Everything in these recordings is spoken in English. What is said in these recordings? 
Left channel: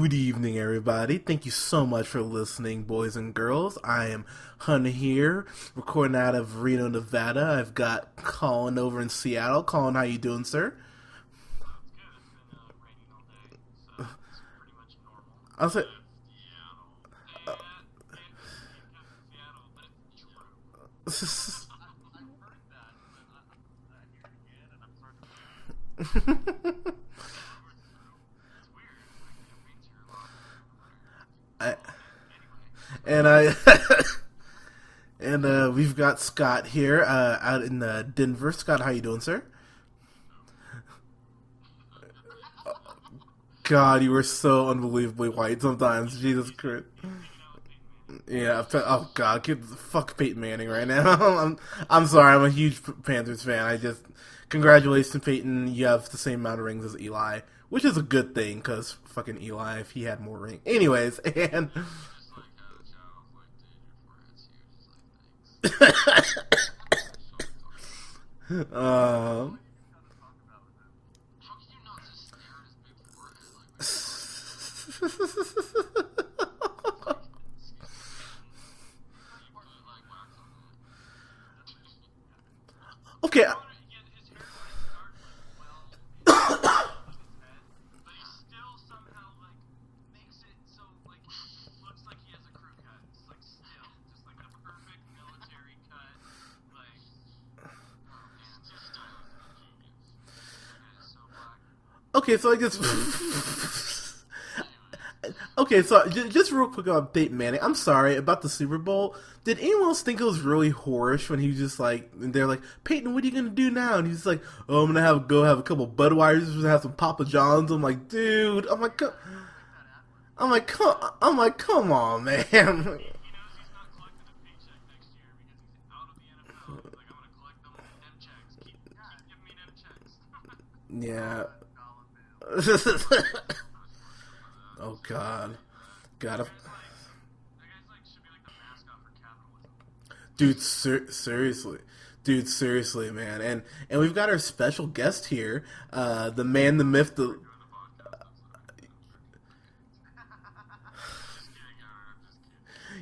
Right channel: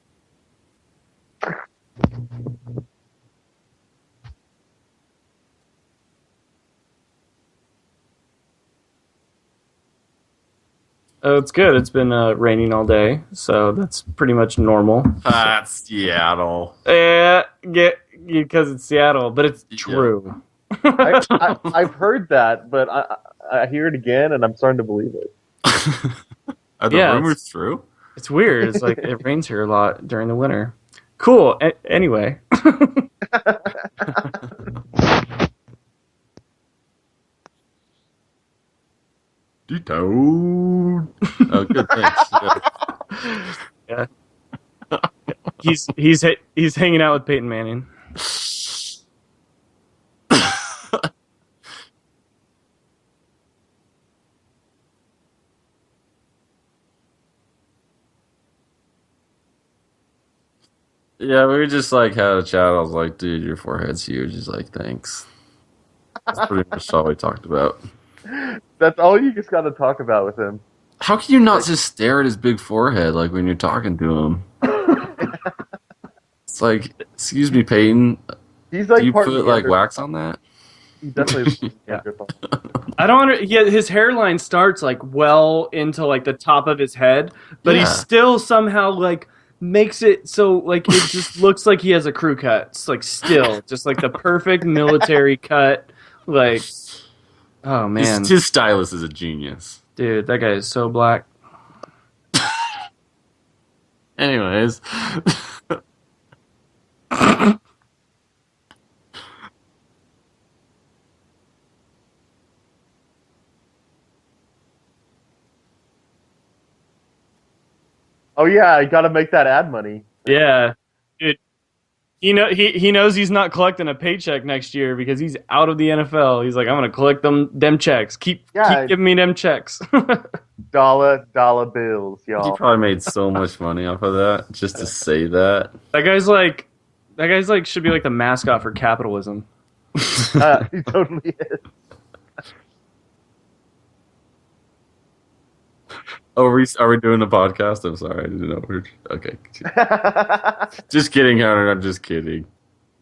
Good evening, everybody. Thank you so much for listening, boys and girls. I am Hunter here, recording out of Reno, Nevada. I've got Colin over in Seattle. Colin, how you doing, sir? Oh, it's good. It's been raining all day, so that's pretty much normal. Seattle. Because it's Seattle, but it's true. I've heard that, but I hear it again, and I'm starting to believe it. Are the rumors true? It's weird. It's like it rains here a lot during the winter. Cool. Anyway. And we've got Scott here out in Denver. Scott, how you doing, sir? Oh, good, thanks. Yeah. God, you were so unbelievably white sometimes. He's hanging out with Peyton Manning. Yeah. Oh God, fuck Peyton Manning right now. I'm sorry. I'm a huge Panthers fan. Congratulations, Peyton. You have the same amount of rings as Eli, which is a good thing because fucking Eli, if he had more rings. Anyways. Yeah, we just had a chat. I was like, dude, your forehead's huge. He's like, thanks. That's pretty much all we talked about. That's all you just got to talk about with him. How can you not just stare at his big forehead like when you're talking to him? It's like, excuse me, Peyton. He's like, do you put wax on that? He definitely. Yeah. I don't understand. Yeah, his hairline starts well into the top of his head, but he still somehow makes it so it just looks like he has a crew cut. It's still just the perfect military cut. Oh man, his stylist is a genius, dude. That guy is so black. Okay, so anyways. Okay, so just real quick on Peyton Manning. I'm sorry about the Super Bowl. Did anyone else think it was really whorish when he was just they're like, Peyton, what are you gonna do now? And he's like, oh, I'm gonna have a couple Budweisers, have some Papa Johns. I'm like, dude. Oh yeah, you gotta make that ad money. Yeah, I'm like, come on, man. He knows he's not collecting a paycheck next year because he's out of the NFL. He's like, I'm gonna collect them checks. Keep giving me them checks. Dollar bills, y'all. He probably made so much money off of that just to say that. That guy's should be the mascot for capitalism. Seriously. Dude, seriously, man, and we've got our special guest here. Are we doing the podcast? I'm sorry, I didn't know. Okay, just kidding, Hunter. I'm just kidding.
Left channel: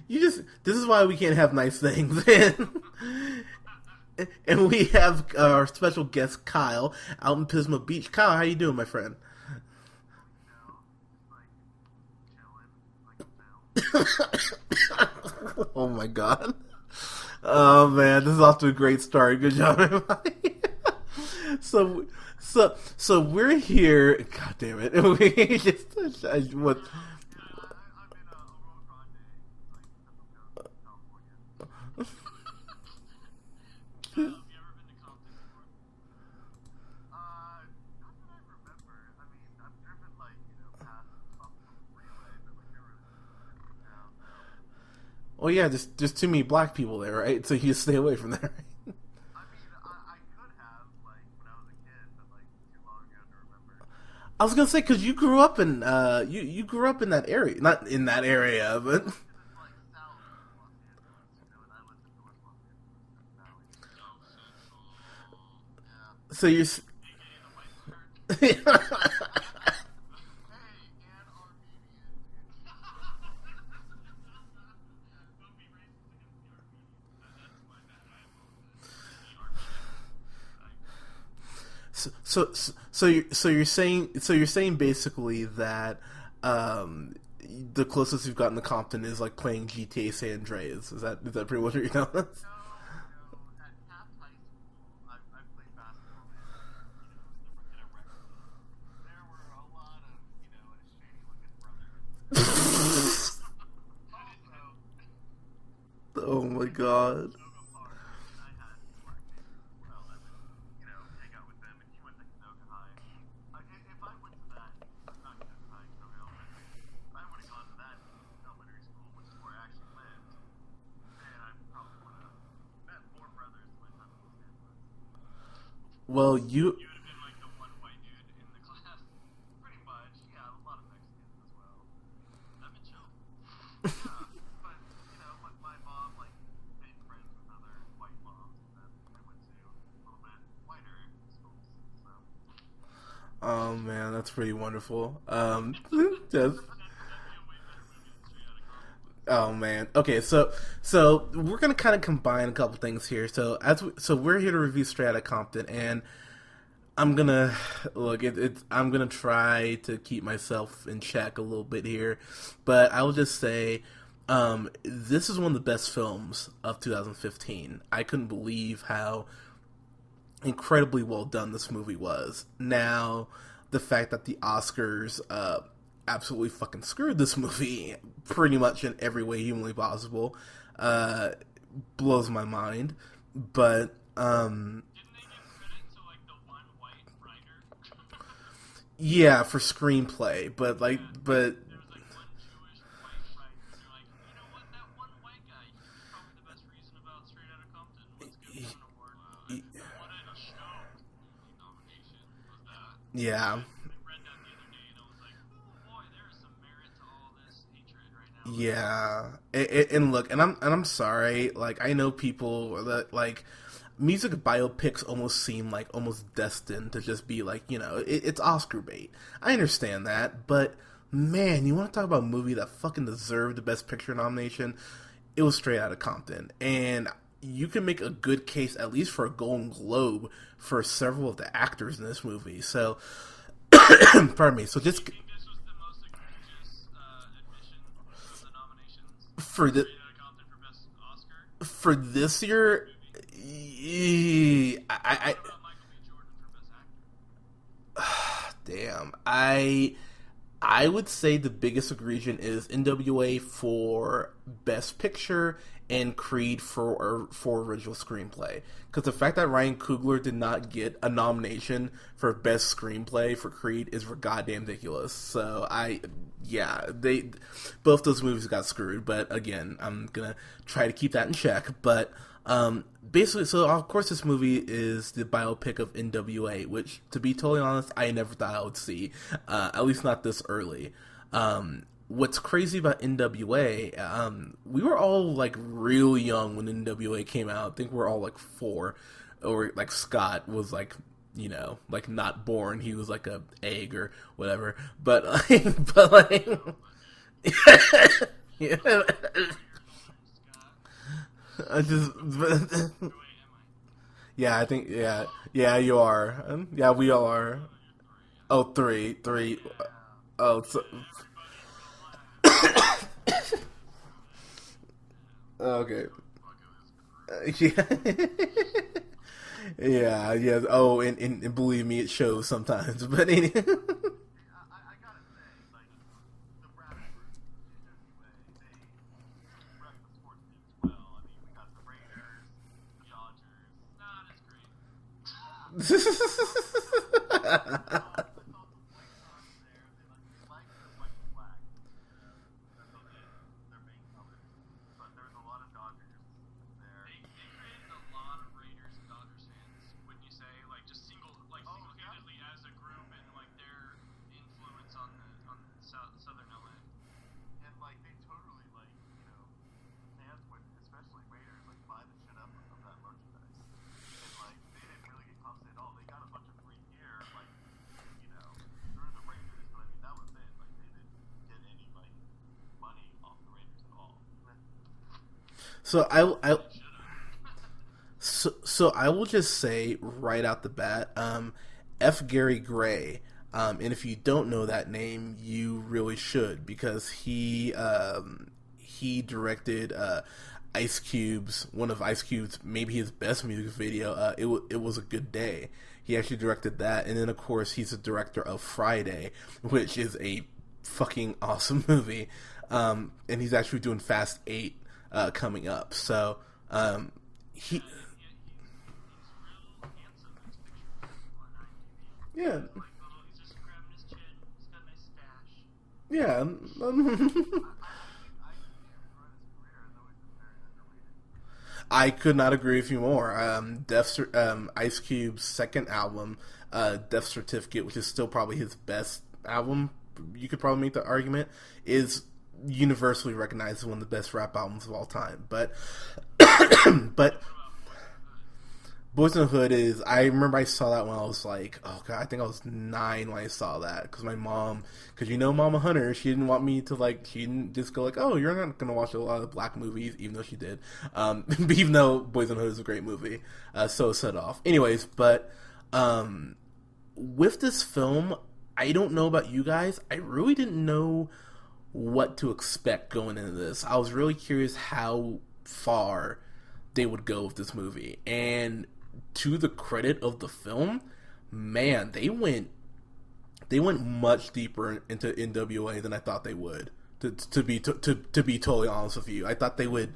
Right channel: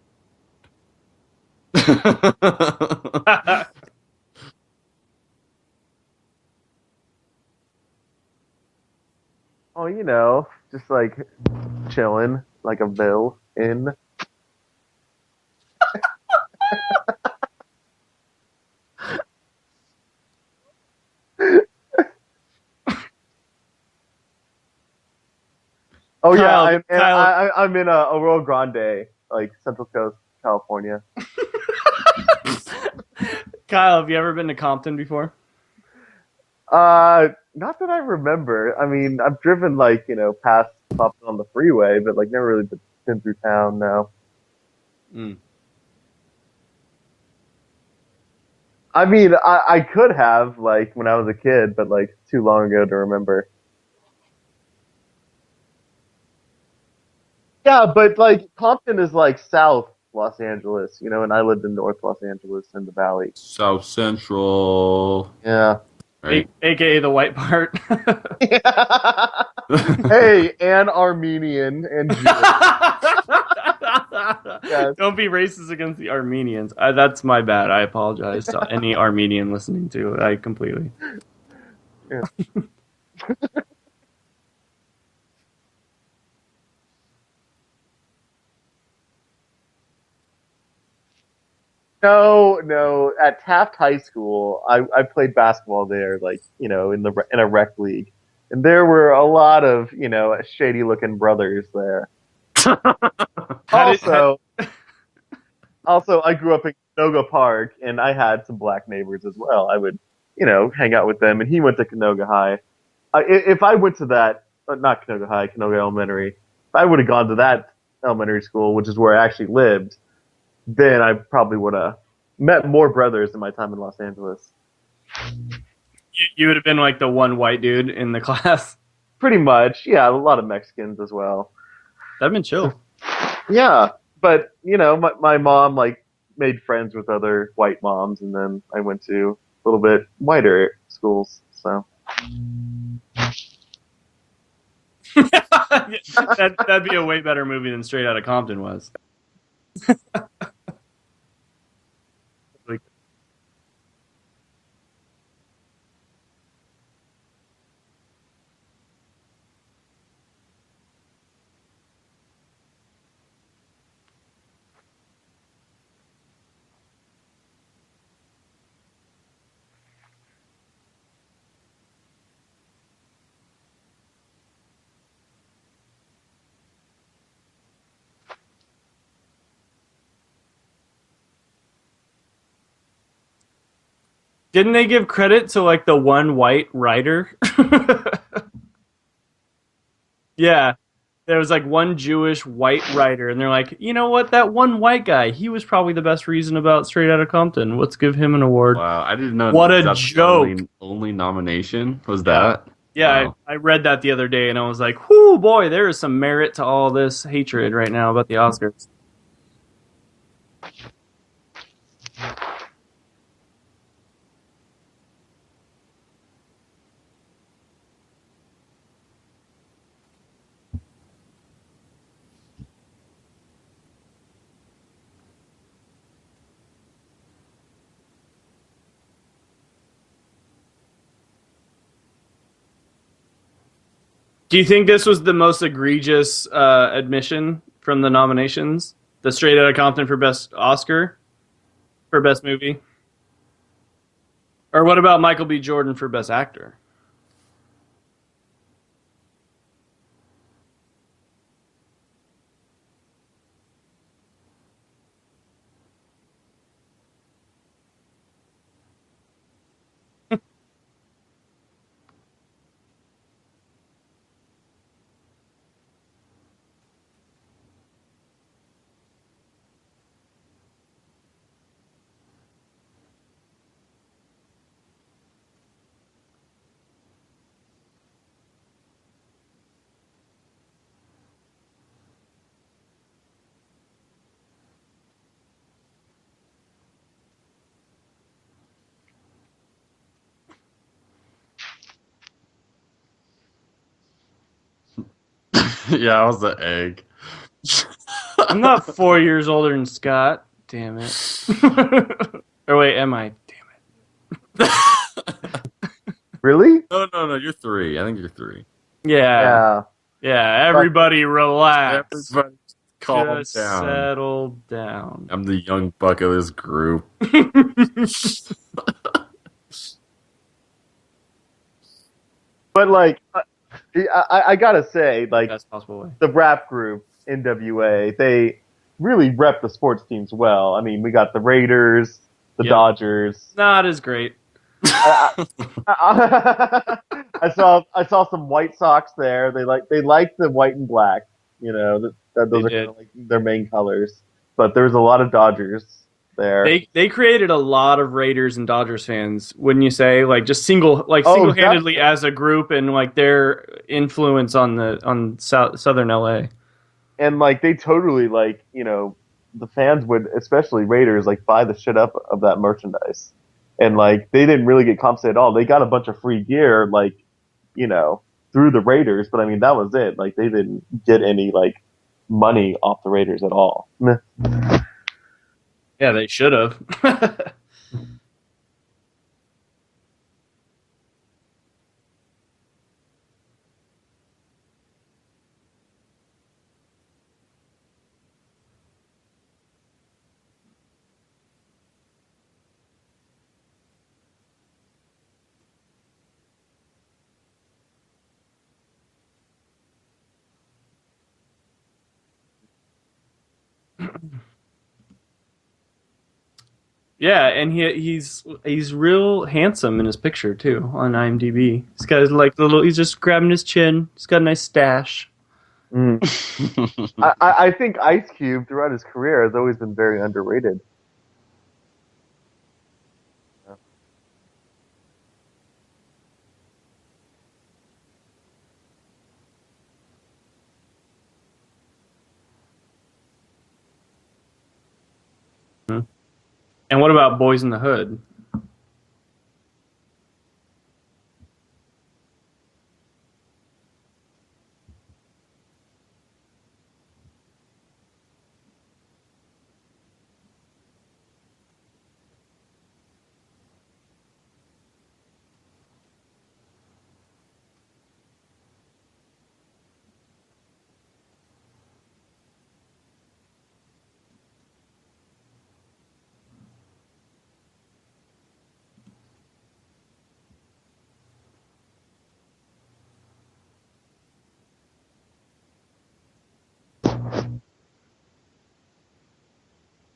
This is why we can't have nice things. And we have our special guest Kyle out in Pismo Beach. Kyle, how you doing, my friend? Oh, just chilling like a bill in. Oh my god. Oh man, this is off to a great start. Good job, everybody. So we're here. God damn it. I'm in Oro Grande, Central Coast, California. Kyle, have you ever been to Compton before? Not that I remember. I mean, I've driven past Compton on the freeway, but never really been through town now. Well, yeah, there's too many black people there, right? So you just stay away from there. I mean, I could have when I was a kid, but too long ago to remember. I was gonna say because you grew up in you grew up in that area. Yeah, but Compton is South Los Angeles, and I lived in North Los Angeles in the Valley. South Central. Yeah. Right. So AKA the white part. Hey, and Armenian and Jewish. Yes. Don't be racist against the Armenians. That's my bad. I apologize to any Armenian listening to it. I completely. So you're saying basically that the closest you've gotten to Compton is playing GTA San Andreas. Is that pretty much what you're telling me? No. At Taft High School, I played basketball there, in a rec league, and there were a lot of shady looking brothers there. Also, I grew up in Canoga Park, and I had some black neighbors as well. I would, hang out with them, and he went to Canoga High. If I went to that, not Canoga High, Canoga Elementary, if I would have gone to that elementary school, which is where I actually lived, then I probably would have met more brothers in my time in Los Angeles. Well, you would have been the one white dude in the class. Pretty much, yeah. A lot of Mexicans as well. That'd been chill. Yeah, but my mom made friends with other white moms, and then I went to a little bit whiter schools. So Oh man, that's pretty wonderful. That'd be a way better movie than Straight Outta Compton was. Oh man. Okay, so we're gonna kind of combine a couple things here. So we're here to review Straight Outta Compton, and I'm gonna I'm gonna try to keep myself in check a little bit here, but I will just say, this is one of the best films of 2015. I couldn't believe how incredibly well done this movie was. Now, the fact that the Oscars absolutely fucking screwed this movie pretty much in every way humanly possible blows my mind. But didn't they give credit to like the one white writer? Yeah, for screenplay. Yeah, there was like one Jewish white writer, and they're like, you know what? That one white guy, he was probably the best reason about Straight Outta Compton. Let's give him an award. Wow, I didn't know. What a joke! Only nomination was that. Yeah, I read that the other day, and I was like, whoo, boy, there is some merit to all this hatred right now about the Oscars. Yeah, and look, and I'm sorry. Like, I know people that like music biopics almost seem like almost destined to just be like, you know, it's Oscar bait. I understand that, but man, you want to talk about a movie that fucking deserved the Best Picture nomination? It was Straight Outta Compton, and you can make a good case at least for a Golden Globe for several of the actors in this movie. So, do you think this was the most egregious admission from the nominations? The Straight Outta Compton for Best Oscar? For Best Movie? Or what about Michael B. Jordan for Best Actor? Damn. I would say the biggest egregion is NWA for Best Picture and Creed for original screenplay. Because the fact that Ryan Coogler did not get a nomination for Best Screenplay for Creed is goddamn ridiculous. So both those movies got screwed. But again, I'm gonna try to keep that in check. But basically, so of course this movie is the biopic of NWA, which, to be totally honest, I never thought I would see, at least not this early. What's crazy about NWA, we were all like real young when NWA came out. I think we're all like 4, or like Scott was like, you know, like not born. He was like a egg or whatever. But yeah, I was an egg. I'm not 4 years older than Scott. Damn it. Or wait, am I? Damn it. Yeah, you are. Really? Yeah, no, you're 3. I think you're 3. Oh, 3. Yeah, everybody relax. Everybody calm down. Settle down. I'm the young buck of this group. Yeah. Oh, and believe me, it shows sometimes. But like, I gotta say, like, the rap group NWA, they really rep the sports teams well. I mean, we got the Raiders, the Dodgers. Not as great. I saw some White Sox there. They like the white and black. You know, those are kind of like their main colors. But there's a lot of Dodgers there. They created a lot of Raiders and Dodgers fans, wouldn't you say? Like just single-handedly as a group, and like their influence on Southern LA. And like they totally, like, you know, the fans would, especially Raiders, like buy the shit up of that merchandise. And like they didn't really get compensated at all. They got a bunch of free gear, like, you know, through the Raiders, but I mean that was it. Like they didn't get any like money off the Raiders at all. So yeah, they should have. So I will just say right out the bat, F. Gary Gray. And if you don't know that name, you really should, because he directed one of Ice Cube's, maybe his best music video. It was a Good Day. He actually directed that, and then of course he's the director of Friday, which is a fucking awesome movie. And he's actually doing Fast 8 coming up. So yeah, and he's real handsome in his picture too on IMDb. He's got like he's just grabbing his chin. He's got a nice stash. Yeah. I think Ice Cube throughout his career has always been very underrated. I could not agree with you more. Ice Cube's second album, Death Certificate, which is still probably his best album, you could probably make the argument, is universally recognized as one of the best rap albums of all time. But and what about Boys in the Hood? Boys in the Hood is. I remember I saw that when I was like, oh god, I think I was 9 when I saw that because my mom, because Mama Hunter, she didn't want me to like. She didn't just go like, oh, you're not gonna watch a lot of black movies, even though she did. Even though Boys in the Hood is a great movie, so set off. Anyways, but with this film, I don't know about you guys. I really didn't know what to expect going into this. I was really curious how far they would go with this movie, and to the credit of the film, man, they went much deeper into NWA than I thought they would. To be totally honest with you, I thought they would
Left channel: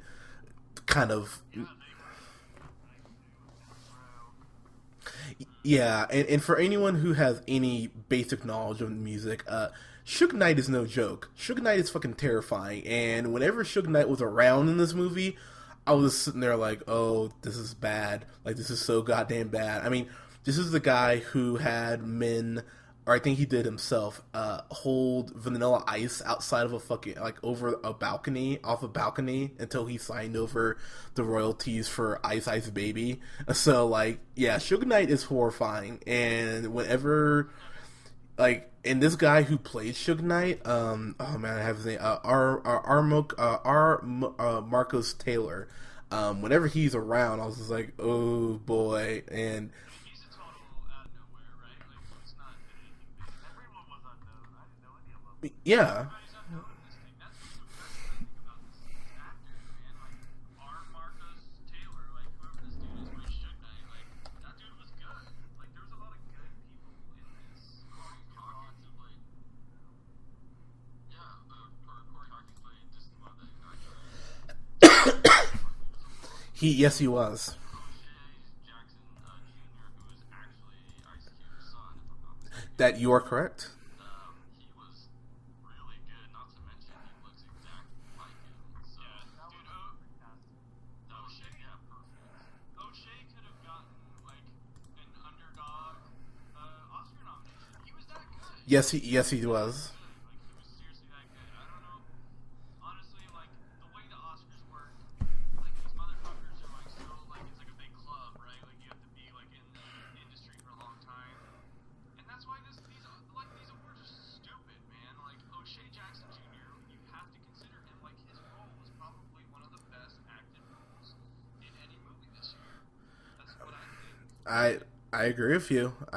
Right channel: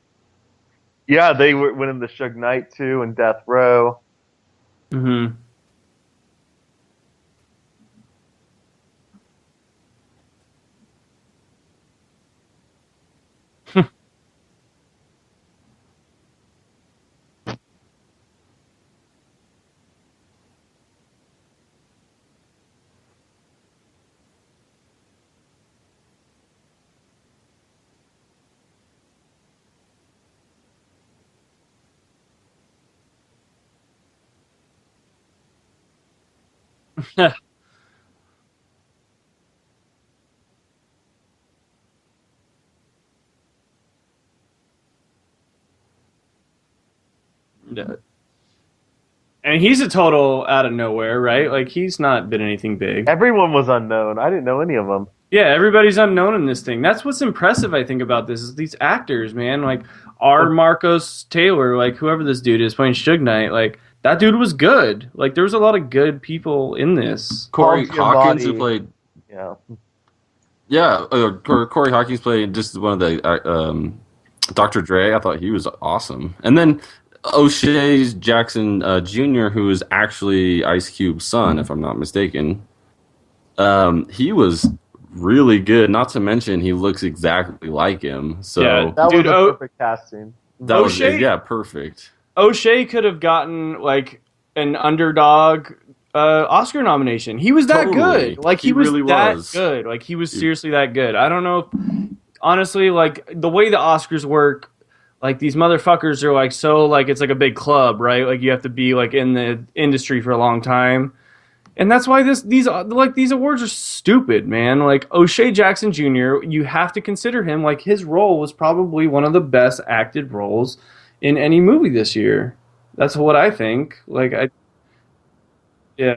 kind of. Yeah, they went into Suge Knight too and Death Row. Mm-hmm. Yeah, and for anyone who has any basic knowledge of music, Suge Knight is no joke. Suge Knight is fucking terrifying, and whenever Suge Knight was around in this movie, I was sitting there like, oh, this is bad. Like, this is so goddamn bad. I mean, this is the guy who had men, or I think he did himself, hold Vanilla Ice outside of a fucking, like, over a balcony, off a balcony, until he signed over the royalties for Ice Ice Baby. So, like, yeah, Suge Knight is horrifying. And whenever, like, and this guy who played Suge Knight, oh man, I have his name, Marcos Taylor. Whenever he's around, I was just like, oh boy. And he's a total out of nowhere, right? Like, he's not been anything big. Everyone was unknown. I didn't know any of them. Yeah, everybody's unknown in this thing. That's what's impressive, I think, about this, is these actors, man. Like, Marcos Taylor, like, whoever this dude is playing Suge Knight, like, that dude was good. Like, there was a lot of good people in this. Corey Hawkins, who played... Yeah. Corey Hawkins played just one of the... Dr. Dre, I thought he was awesome. And then yes, he was. O'Shea Jackson Jr., who is actually Ice Cube's son, if I'm not mistaken. That you are correct. He was really good. Not to mention, he looks exactly like him. So Yeah, That dude, was a perfect casting. that was O'Shea- perfect. O'Shea could have gotten, like, an underdog Oscar nomination. He was that Totally. good. Like, he He was really that was. good. Like, he was seriously that good. I don't know if, honestly, like, the way the Oscars work, like, these motherfuckers are, like, so, like, it's like a big club, right? Like, you have to be, like, in the industry for a long time. And that's why these awards are stupid, man. Like, O'Shea Jackson Jr., you have to consider him, like, his role was probably one of the best acted roles in any movie this year. That's what I think. Like, I agree with you. Yeah.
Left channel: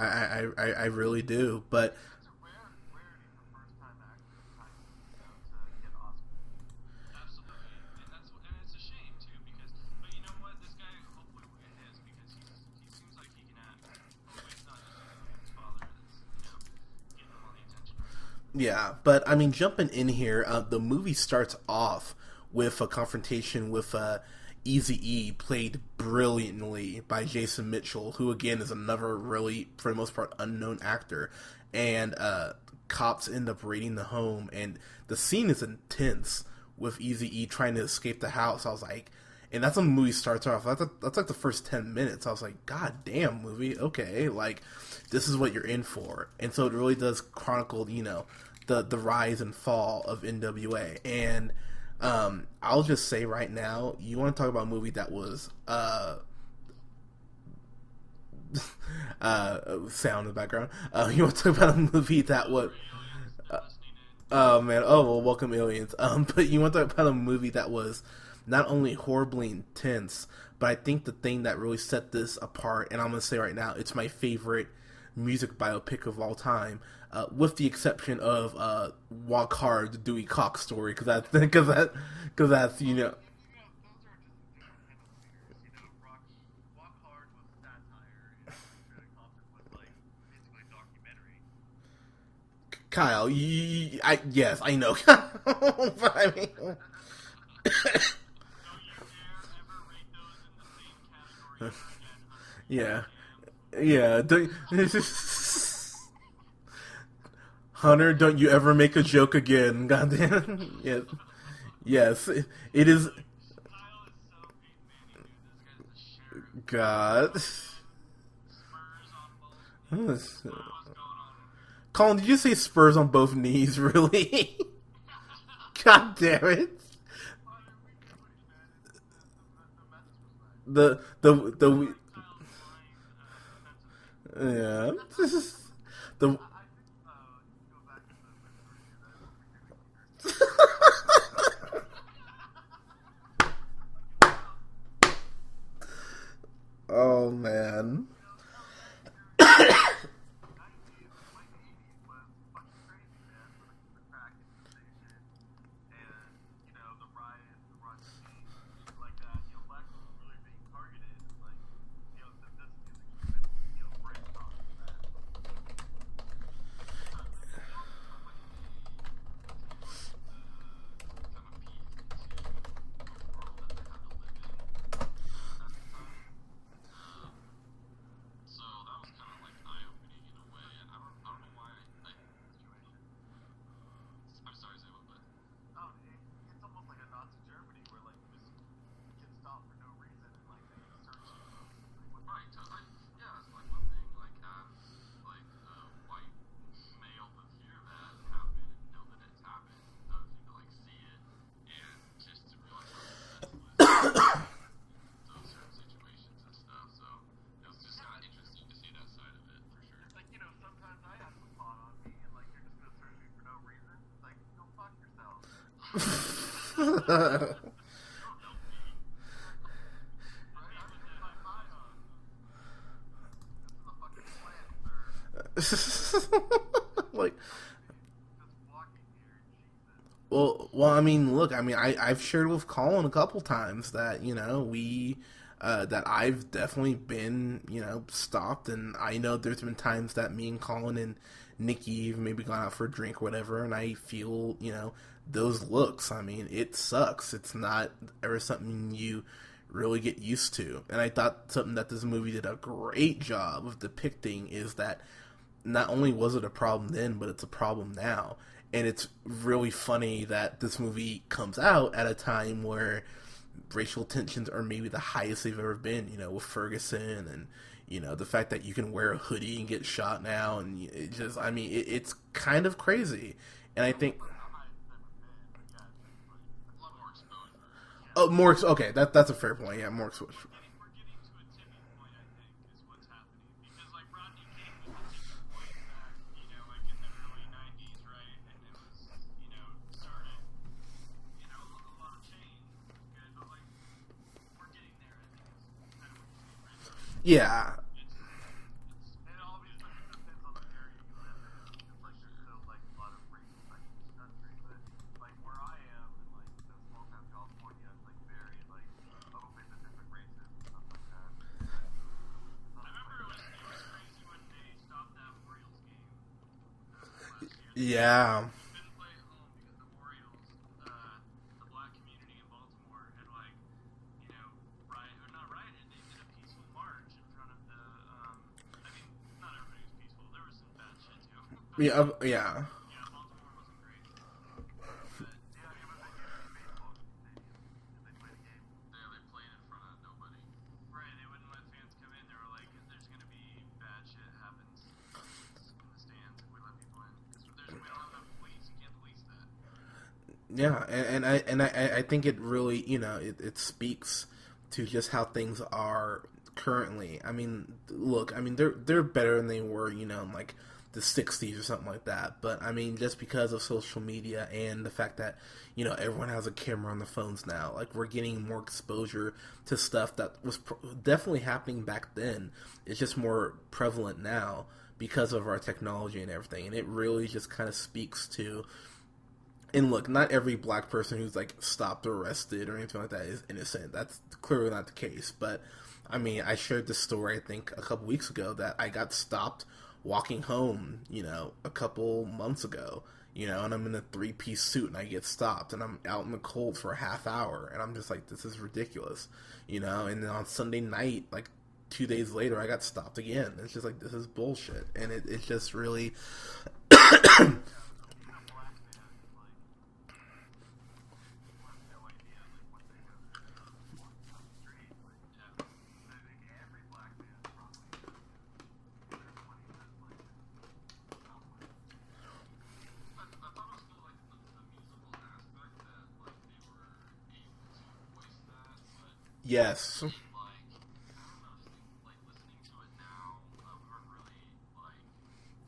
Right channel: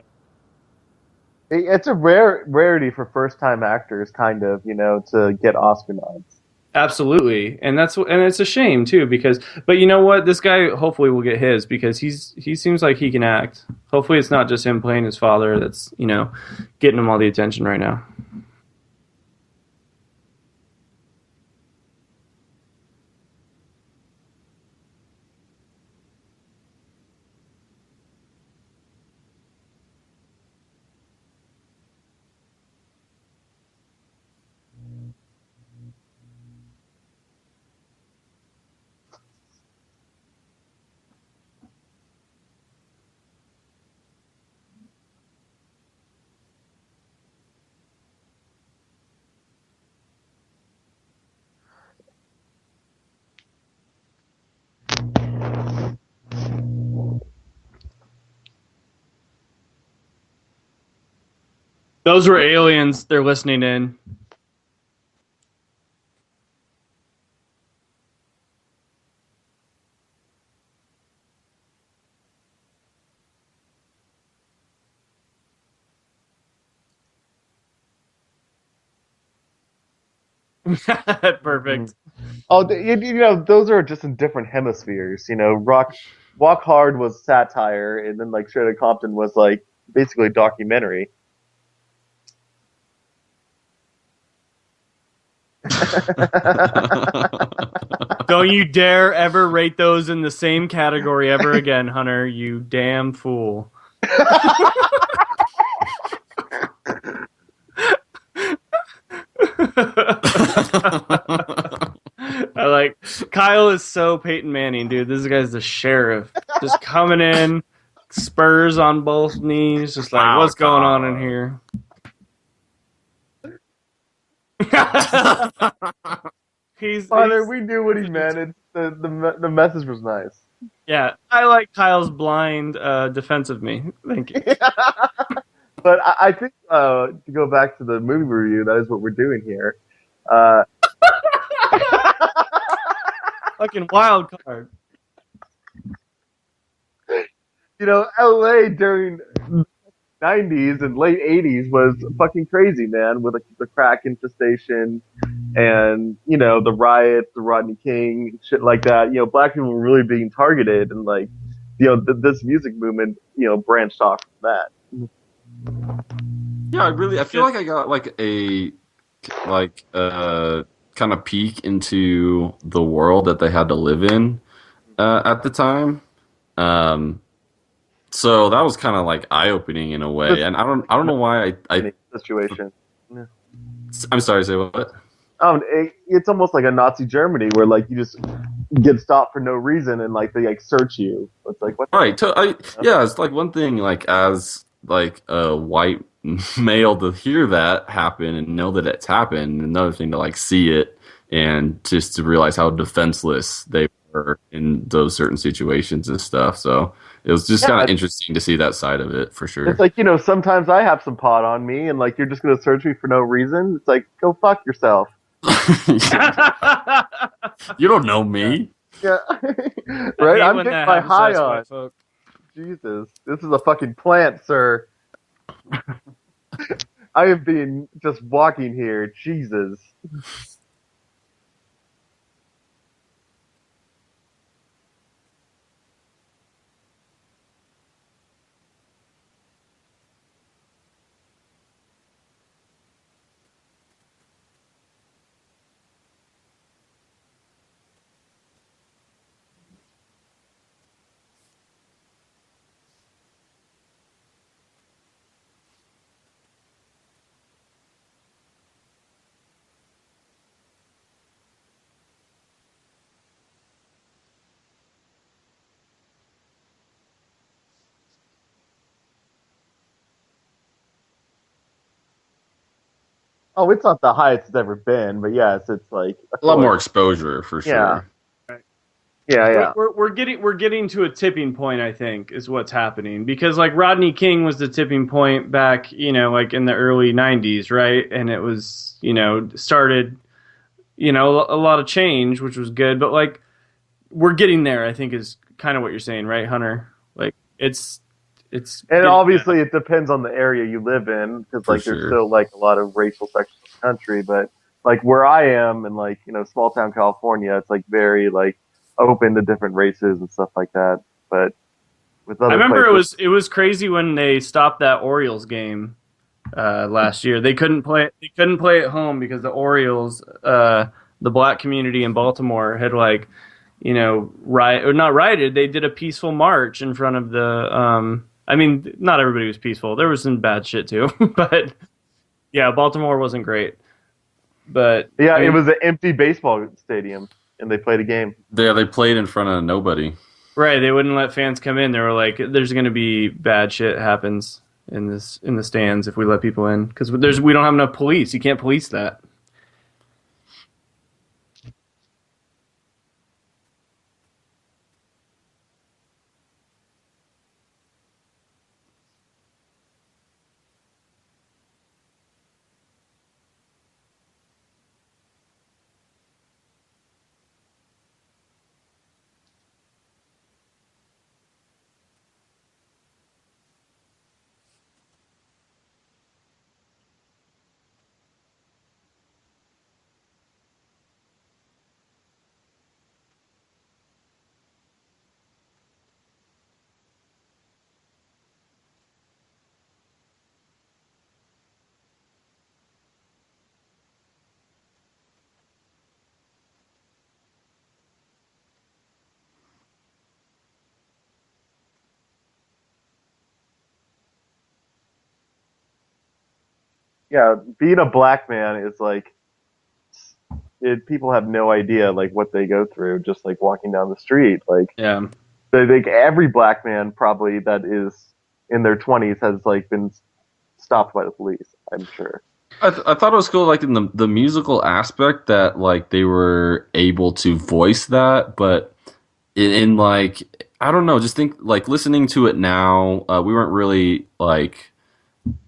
I really do. It's a rarity for first-time actors, kind of, to get Oscar nods. Absolutely, and it's a shame too, but you know what, this guy hopefully will get his, because he seems like he can act. Hopefully it's not just him playing his father that's getting him all the attention right now. Yeah, but I mean, jumping in here, the movie starts off with a confrontation with Eazy-E, played brilliantly by Jason Mitchell, who again is another really, for the most part, unknown actor, and cops end up raiding the home, and the scene is intense with Eazy-E trying to escape the house. I was like, and that's when the movie starts off. That's like the first 10 minutes. I was like, God damn, movie, okay, like, this is what you're in for. And so it really does chronicle, the rise and fall of NWA. And I'll just say right now, you want to talk about a movie that was sound in the background. You want to talk about a movie? Those were aliens. They're listening in. Oh man! Oh well, welcome aliens. But you want to talk about a movie that was not only horribly intense, but I think the thing that really set this apart, and I'm gonna say right now, it's my favorite music biopic of all time, with the exception of "Walk Hard," the Dewey Cox story. Perfect. Those are just in different hemispheres. Walk Hard was satire, and then like Straight Outta Compton was like basically a documentary. Kyle, yes, I know. Don't you dare ever rate those in the same category ever again, Hunter. You damn fool. Yeah. Hunter, don't you ever make a joke again. Yes. Kyle is so Peyton Manning, dude. This guy's the sheriff. Just coming in, spurs on both knees. Just like, what's going on in here? Colin, did you say spurs on both knees, really? God damn it. Hunter, we knew what he meant. The message was nice. I like Kyle's blind defense of me. Thank you. Yeah. But I think to go back to the movie review, that is what we're doing here. Fucking wild card. Oh man. You know, LA during 90s and late 80s was fucking crazy, man, with the crack infestation and, you know, the riots, the Rodney King, shit like that. You know, black people were really being targeted, and, like, you know, this music movement, you know, branched off from that. Yeah, I feel like I got like a kind of peek into the world that they had to live in at the time. So that was kind of like eye-opening in a way, and I don't know why I situation. Yeah. I'm sorry, say what? It's almost like a Nazi Germany where, like, you just get stopped for no reason and, like, they like search you. It's like, what? Right. Yeah, it's like one thing, like, as like a white male, to hear that happen and know that it's happened. Another thing to like see it and just to realize how defenseless they were in those certain situations and stuff. So it was just kind of interesting to see that side of it, for sure. It's like, you know, sometimes I have some pot on me, and, like, you're just gonna search me for no reason. It's like, go fuck yourself. You don't know me. Yeah. Right? I'm getting my high on. Jesus. This is a fucking plant, sir. I am being just walking here. Jesus. Well, I mean, look, I mean, I've shared with Colin a couple times that, you know, that I've definitely been, you know, stopped, and I know there's been times that me and Colin and Nikki have maybe gone out for a drink or whatever, and I feel, you know, those looks. I mean, it sucks. It's not ever something you really get used to. And I thought something that this movie did a great job of depicting is that not only was it a problem then, but it's a problem now. And it's really funny that this movie comes out at a time where racial tensions are maybe the highest they've ever been, you know, with Ferguson, and, you know, the fact that you can wear a hoodie and get shot now, and it just, I mean, it's kind of crazy. Oh, it's not the highest it's ever been, but yes, it's like a lot more exposure for sure. Yeah. Oh, more. Okay, that's yeah. We're getting to a tipping point, I think, is what's happening, because like Rodney King was the tipping point back, you know, like in the early '90s, right? And it was, you know, started, you know, a lot of change, which was good, but like we're getting there, I think, is kind of what you're saying, right, Hunter? Like, yeah, it's and obviously it depends on the area you live in, because like there's still like a lot of racial sections of the country, but like where I am in, like, you know, small town California, it's like very like open to different races and stuff like that. But with other I remember places, it was crazy when they stopped that Orioles game last year. They couldn't play at home because the Orioles, the black community in Baltimore, had like, you know, not rioted. They did a peaceful march in front of the. I mean, not everybody was peaceful. There was some bad shit too, but yeah, Baltimore wasn't great. But yeah, I mean, it was an empty baseball stadium, and they played a game. They played in front of nobody. Right, they wouldn't let fans come in. They were like, "There's going to be bad shit happens in the stands if we let people in, because we don't have enough police. You can't police that." Yeah, and I think it really, you know, it speaks to just how things are currently. I mean, look, I mean, they're better than they were, you know, in like the 60s or something like that. But I mean, just because of social media and the fact that, you know, everyone has a camera on their phones now, like, we're getting more exposure to stuff that was definitely happening back then. It's just more prevalent now because of our technology and everything. And it really just kind of speaks to, and look, not every black person who's like stopped or arrested or anything like that is innocent. That's clearly not the case. But I mean, I shared this story, I think, a couple weeks ago, that I got stopped walking home, you know, a couple months ago, you know, and I'm in a 3-piece suit and I get stopped and I'm out in the cold for a half hour, and I'm just like, this is ridiculous, you know. And then on Sunday night, like 2 days later, I got stopped again. It's just like, this is bullshit. And it's just really yeah, being a black man is like, people have no idea like what they go through just like walking down the street. Like, yeah, I think every black man probably that is in their 20s has like been stopped by the police, I'm sure. I thought it was cool, like, in the musical aspect, that like they were able to voice that, but in like I don't know. Just think like listening to it now. We weren't really like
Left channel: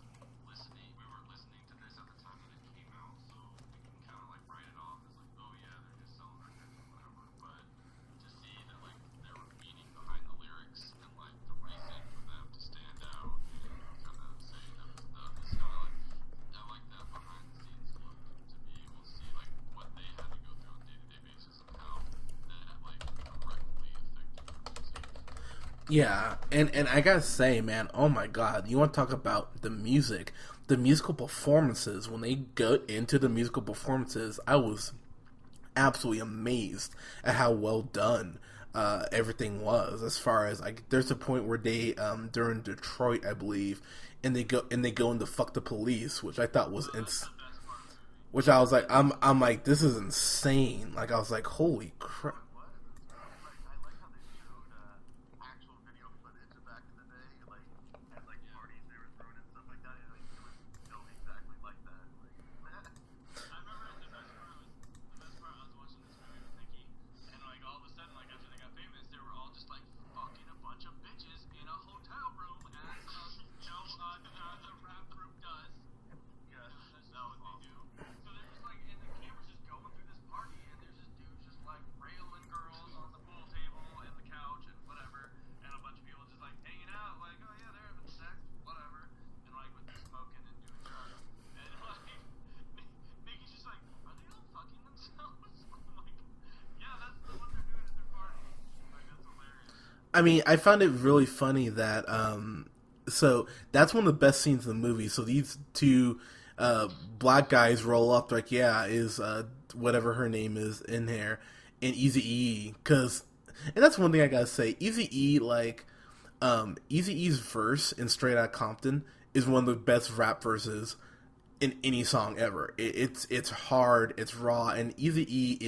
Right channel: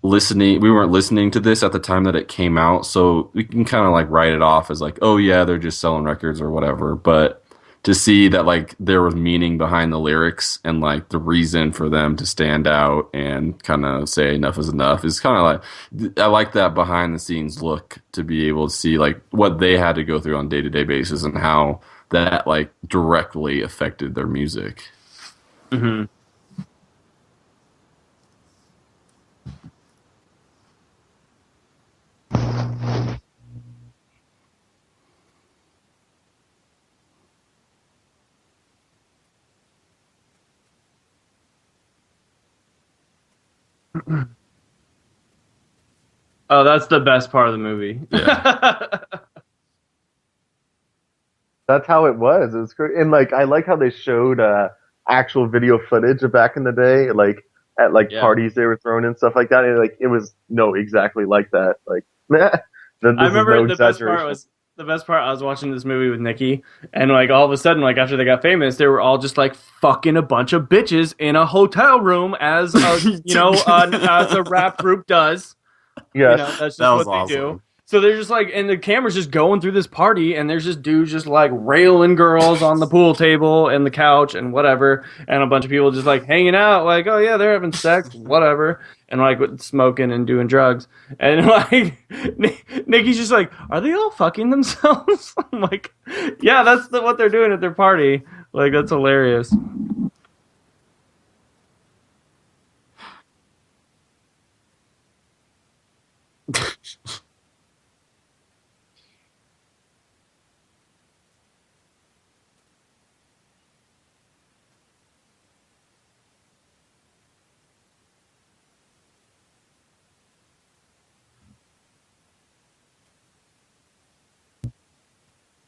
listening. We weren't listening to this at the time that it came out, so we can kind of like write it off as like, oh yeah, they're just selling records or whatever. But to see that like there was meaning behind the lyrics and like the reason for them to stand out and kind of say enough is enough is kind of like I like that behind the scenes look to be able to see like what they had to go through on day-to-day basis and how that like directly affected their music. Yeah, and I gotta say, man, oh my god, you want to talk about the music, the musical performances. When they go into the musical performances, I was absolutely amazed at how well done everything was. As far as like, there's a point where they during Detroit, I believe, and they go into "Fuck the Police," which I thought that's the best part of the movie. Yeah. Which I was like, I'm like, this is insane. Like I was like, holy. That's how it was. It was great, and like I like how they showed actual video footage of back in the day, like at like parties they were throwing and stuff like that. And like it was exactly like that. Like I remember the best part. I was watching this movie with Nikki, and like all of a sudden, like after they got famous, they were all just like fucking a bunch of bitches in a hotel room, as as a rap group does. Yeah, you know, that's just what they do. So they're just like, and the camera's just going through this party, and there's just dudes just like railing girls on the pool table and the couch and whatever, and a bunch of people just like hanging out, like, oh yeah, they're having sex, whatever, and like smoking and doing drugs, and like Nikki's just like, are they all fucking themselves? I'm like, yeah, that's what they're doing at their party. Like that's hilarious. I mean, I found it really funny that so that's one of the best scenes in the movie. So these two black guys roll up, like, yeah, is whatever her name is in here, and Eazy-E, and that's one thing I gotta say, Eazy-E, like, Eazy-E's verse in Straight Outta Compton is one of the best rap verses in any song ever. It's hard, it's raw, and Eazy-E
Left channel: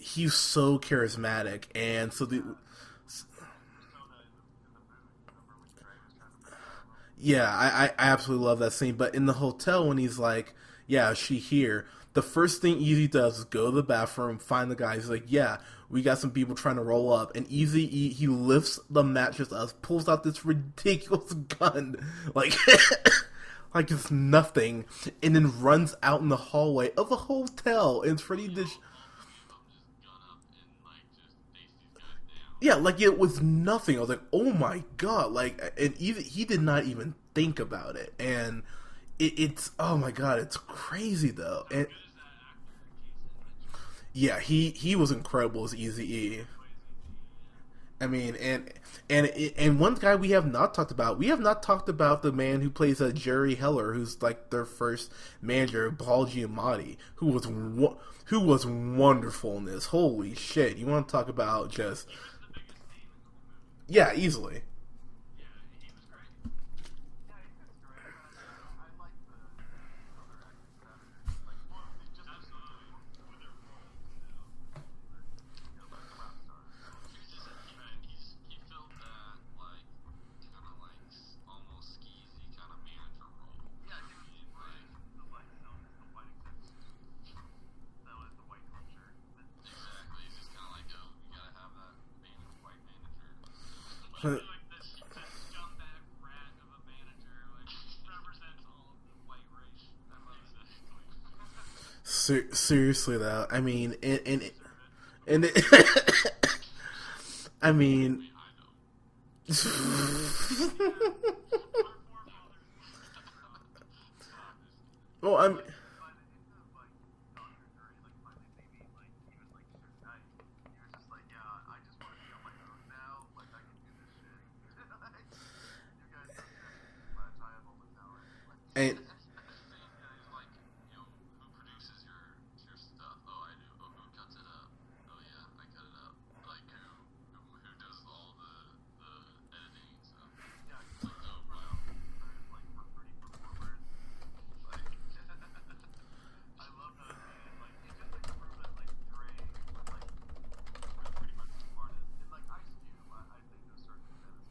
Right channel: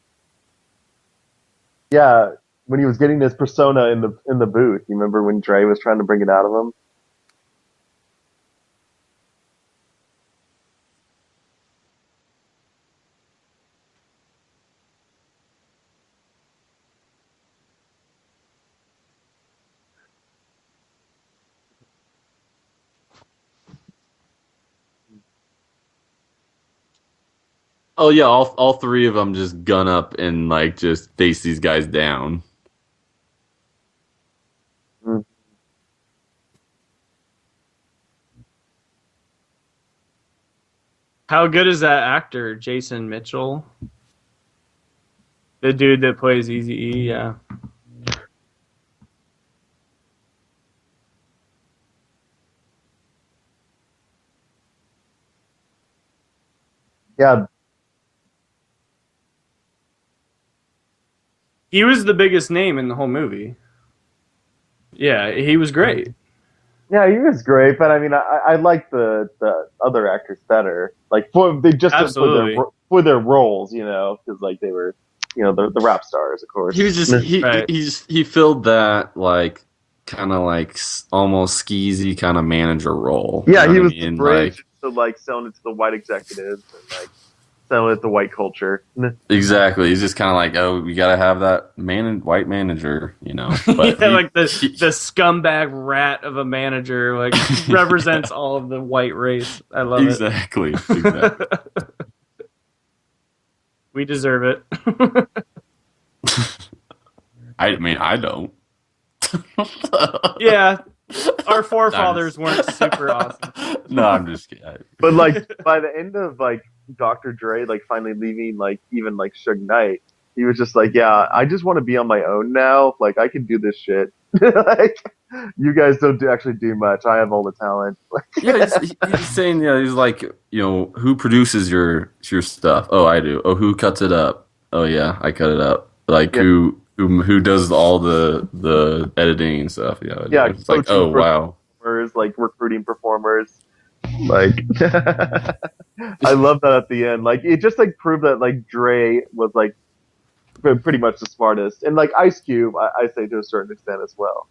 he's so charismatic. And yeah, when he was getting this persona in the booth, you remember when Dre was trying to bring it out of him? Yeah, I absolutely love that scene. But in the hotel, when he's like, yeah, is she here? The first thing Easy does is go to the bathroom, find the guy. He's like, yeah, we got some people trying to roll up. And Easy, he lifts the mattress up, pulls out this ridiculous gun, like, like it's nothing, and then runs out in the hallway of a hotel. Oh yeah, all three of them just gun up and like just face these guys down. Yeah, like it was nothing. I was like, oh my god, like, and even he did not even think about it, and it's oh my god, it's crazy. How good is that actor, Jason Mitchell? Yeah, he was incredible. The dude that plays Eazy-E, yeah. I mean, and one guy we have not talked about. We have not talked about the man who plays Jerry Heller, who's like their first manager, Paul Giamatti. Yeah. Who was wonderful in this. Holy shit. You want to talk about... He was the biggest name in the whole movie. Yeah, easily. Yeah, he was great. Yeah, he was great, but I mean, I like the other actors better. Like, for their roles, you know, because like they were, you know, the rap stars, of course. He was just he filled that like kind of like almost skeezy kind of manager role. Yeah, he was the bridge to like selling it to the white executives and like selling it to the white culture. Exactly. He's just kind of like, oh, we gotta have that white manager, you know. But yeah, like the scumbag rat of a manager, like represents all of the white race. I love it. Exactly. Seriously though, I mean, we deserve it. I mean, I don't. Yeah, our forefathers weren't super awesome. No, I'm just kidding. But like by the end of like Dr. Dre like finally leaving like even like Suge Knight, he was just like, yeah, I just want to be on my own now. Like I can do this shit. Like you guys don't actually do much. I have all the talent. Yeah, he's saying, yeah, he's like, you know, who produces your stuff? Oh, I do. Oh, who cuts it up? Oh yeah, I cut it up. Like who does all the editing and stuff? Yeah, yeah. It's like, oh wow, like recruiting performers. Like I love that at the end. Like it just like proved that like Dre was like pretty much the smartest, and like Ice Cube, I say to a certain extent as well.